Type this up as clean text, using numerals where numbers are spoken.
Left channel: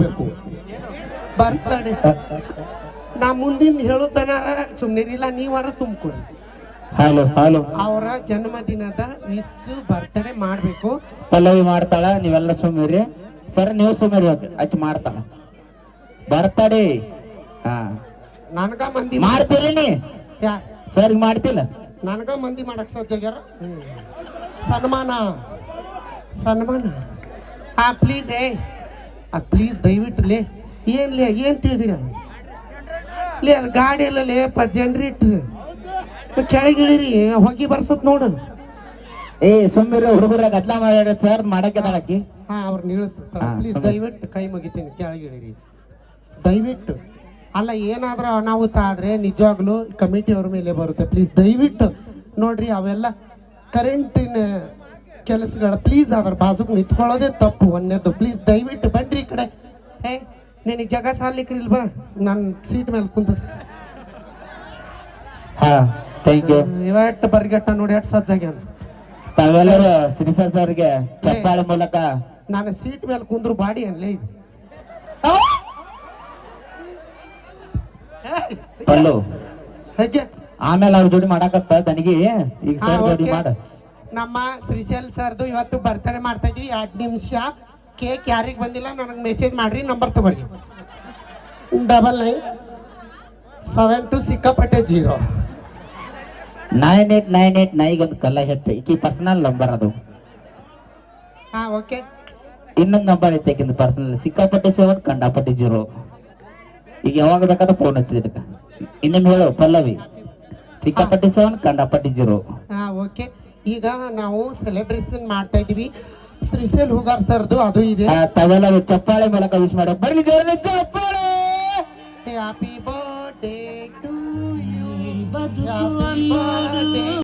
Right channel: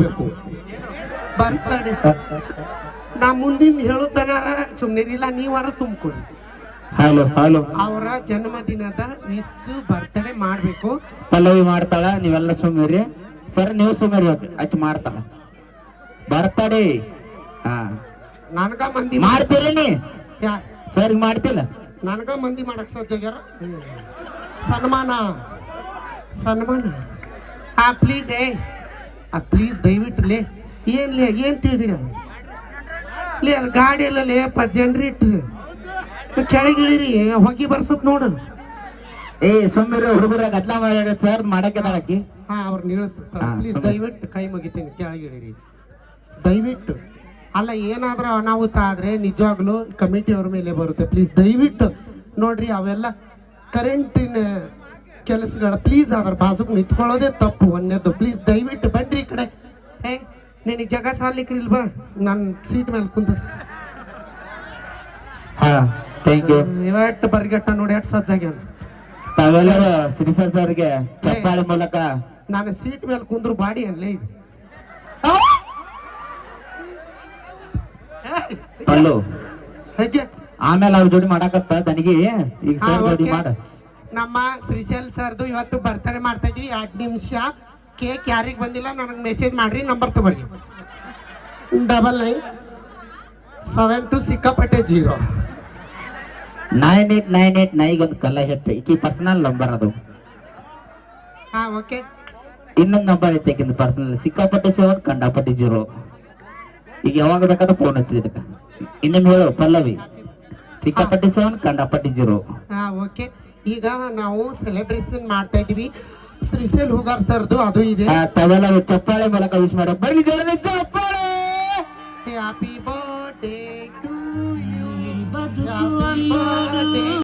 ಮಾಡ್ಬೇಕು ಬರ್ತಡೆ. ನಾ ಮುಂದಿನ ಹೇಳೋದನಾರ ಸುಮ್ಮನಿರಿಲ್ಲ, ನೀವಾರ ತುಂಬ್ಕೊರಿ. ಹಲೋ ಹಲೋ, ಅವರ ಜನ್ಮದಿನದ ಬರ್ತಡೆ ಮಾಡ್ಬೇಕು. ಪಲ್ಲವಿ ಮಾಡ್ತಾಳ, ನೀವೆಲ್ಲ ಸುಮ್ಮಿರಿ. ಸರ್ ನೀವು ಸುಮ್ಮಿರಿ, ಅಕ್ಕಿ ಮಾಡ್ತಾಳ ಬರ್ತಡೆ. ಹಾ ನನಗ ಮಂದಿ ಮಾಡ್ತೀರಿ ನೀ ಸರಿ ಮಾಡ್ತಿಲ್ಲ, ನನಗ ಮಂದಿ ಮಾಡಕ್ ಸಜ್ಜಾಗ್ಯಾರ. ಸನ್ಮಾನ ಸನ್ಮಾನ ಹಾ ಪ್ಲೀಸ್ ಪ್ಲೀಸ್ ದಯವಿಟ್ಟು ಲೇ ಏನ್ ತಿಳಿದಿರ ಲೇ ಅದು ಗಾಡಿ ಎಲ್ಲ ಲೇಪ ಜನರೇಟ್ರ್ ಕೆಳಗಿಳಿರಿ ಹೊಗಿ ಬರ್ಸತ್ ನೋಡು. ಸುಮ್ಮಿರಿ ಹುಡುಗರ ಗದ್ಲ ಮಾಡ ಸರ್ ಮಾಡಕ್ಕೆ ಹಾ ಅವ್ರು ನಿಲ್ಲಿಸ್ತಾರ. ಪ್ಲೀಸ್ ದಯವಿಟ್ಟು ಕೈ ಮುಗಿತೀನಿ, ಕೆಳಗಿಳಿರಿ ದಯವಿಟ್ಟು. ಅಲ್ಲ ಏನಾದ್ರೂ ಅನಾಹುತ ಆದ್ರೆ ನಿಜವಾಗ್ಲೂ ಕಮಿಟಿ ಅವ್ರ ಮೇಲೆ ಬರುತ್ತೆ. ಪ್ಲೀಸ್ ದಯವಿಟ್ಟು ನೋಡ್ರಿ, ಅವೆಲ್ಲ ಕರೆಂಟಿನ ಕೆಲಸಗಳ. ಪ್ಲೀಸ್ ಅದ್ರ ಬಾಜುಕ್ ನಿಂತ್ಕೊಳ್ಳೋದೇ ತಪ್ಪು ಒಂದೇದು. ಪ್ಲೀಸ್ ದಯವಿಟ್ಟು ಬನ್ರಿ ಈ ಕಡೆ. ನಿನಗೆ ಜಗ ಸಾಲಿಕ್ರಿ ಇಲ್ವಾ, ನಾನು ಸೀಟ್ ಮೇಲೆ ಕುಂತ. ಇವತ್ತು ಬರ್ಗೆಟ್ಟ ನೋಡಿ ಎಷ್ಟು ಸಜ್ಜಾಗ್ಯ. ತಾವೆಲ್ಲರೂ ಶ್ರೀಸರ್ ಸರ್ಗೆ ಚಪ್ಪಾಳೆ ಮೂಲಕ ನಾನು ಸೀಟ್ ಮೇಲೆ ಕುಂದ್ರು ಬಾಡಿ ಅನ್ಲೇ ಇದು ಪಲ್ಲು. ಆಮೇಲೆ ಅವ್ರ ಜೋಡಿ ಮಾಡಾಕತ್ತ ತನಗಿ ಈಗ ಸರ್ ಜೋಡಿ ಮಾಡ. ನಮ್ಮ ಶ್ರೀಶೈಲ್ ಸರ್ದು ಇವತ್ತು ಬರ್ತಡೇ ಮಾಡ್ತಾ ಇದ್ವಿ. 2 ನಿಮಿಷ ಕೇಕ್ ಯಾರಿಗೆ ಬಂದಿಲ್ಲ ನನಗೆ ಮೆಸೇಜ್ ಮಾಡ್ರಿ, ನಂಬರ್ ತಗೋರಿ 9972 ಸಿಕ್ಕಾಪಟ್ಟೆ 0 9898 ಒಂದು ಕಲ್ಲ ಹೆಟ್ಟು ಈಕಿ ಪರ್ಸನಲ್ ನಂಬರ್ ಅದು. ಹಾ ಓಕೆ, ಇನ್ನೊಂದು ನಂಬರ್ ಐತೆ ಆಕಿಂದ ಪರ್ಸನಲ್, ಸಿಕ್ಕಾಪಟ್ಟೆ 7 ಕಂಡಾಪಟ್ಟೆ 0. ಈಗ ಯಾವಾಗ ಬೇಕಾದ್ರೆ ಫೋನ್ ಹಚ್ಚಿದ. ಇನ್ನೊಮ್ಮೆ ಹೇಳು ಪಲ್ಲವಿ, ಸಿಕ್ಕಾಪಟ್ಟೆ 7 ಕಂಡಾಪಟ್ಟೆ 0. ಹಾ ಓಕೆ, ಈಗ ನಾವು ಸೆಲೆಬ್ರೇಷನ್ ಮಾಡ್ತಾ ಇದೀವಿ. ಶ್ರೀಶೈಲ್ ಹುಗಾರ್ ಸರ್ದು ಅದು ಇದೆ. ತಾವೆಲ್ಲ ಚಪ್ಪಾಳೆ ಮೂಲಕ ವಿಶ್ ಮಾಡೋ ಬರ್ಲಿ ಜೋರ ಚಪ್ಪಾಳೆ. Happy birthday to you.